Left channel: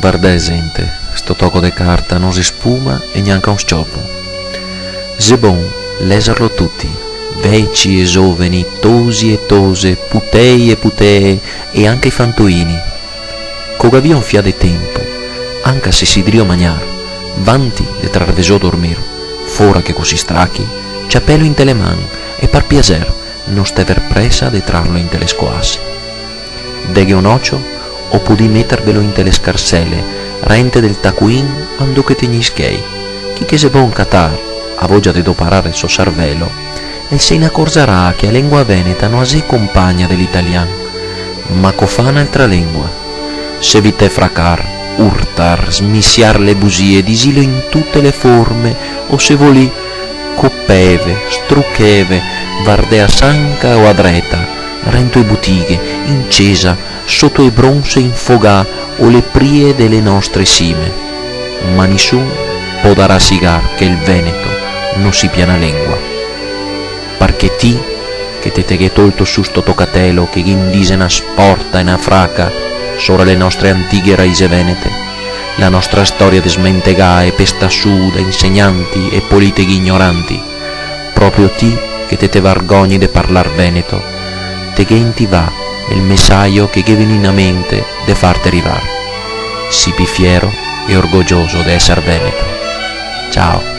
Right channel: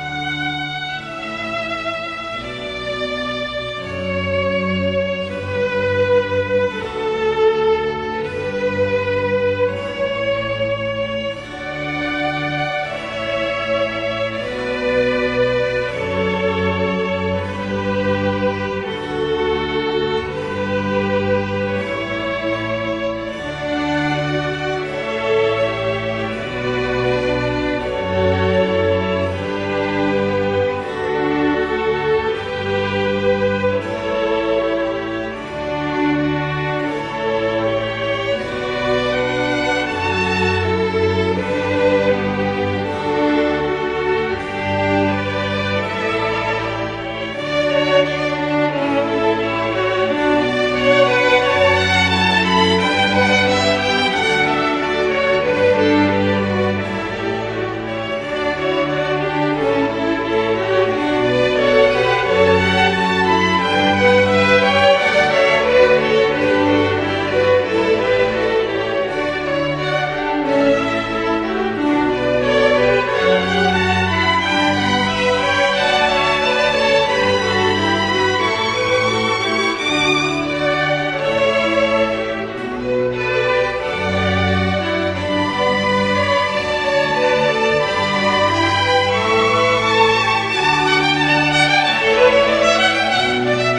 Guarda gente, sto tocco de carta non si spuma e neanche un scioppo. C'est bon, leserlo tutti, vecchi e giovani, tosi e tose, putei e putee e anche i fantuini. Coga via un fia de tempo, anche se si drio magnar, vanti de travesò dormir, fora che così strachi, ciappello in te le mani e par piacer, non stever presa de trarlo in te le scoas. Deghe un ocio, o pudi mettervelo in te le scarselle, rente del tacuin ando che tegnischei, chi che se bon catar, a voglia di doparare il suo cervello, e se ne accorgerà che la lingua veneta non è compagna dell'italiano, ma cofà un'altra lingua. Se vi te fracar, urtar, smissiar le bugie, disilo in tutte le forme, o se voli coppeve, struccheve, vardea sanca o a dreta, rento i butighe, incesa, sotto i bronze infogà o le prie delle nostre cime. Ma nessuno può dar a sigar che il Veneto non si piana lingua. Perché ti, che te teghe tolto su sto tocatelo, che indise una sporta e una fraca, sopra le nostre antiche raise venete, la nostra storia di smentegà e pesta su da insegnanti e politiche ignoranti, proprio ti, che te vergogni di parlar veneto, te che in ti va il messaggio che viene in mente de farti arrivare. Sii fiero e orgoglioso di essere veneto. Ciao.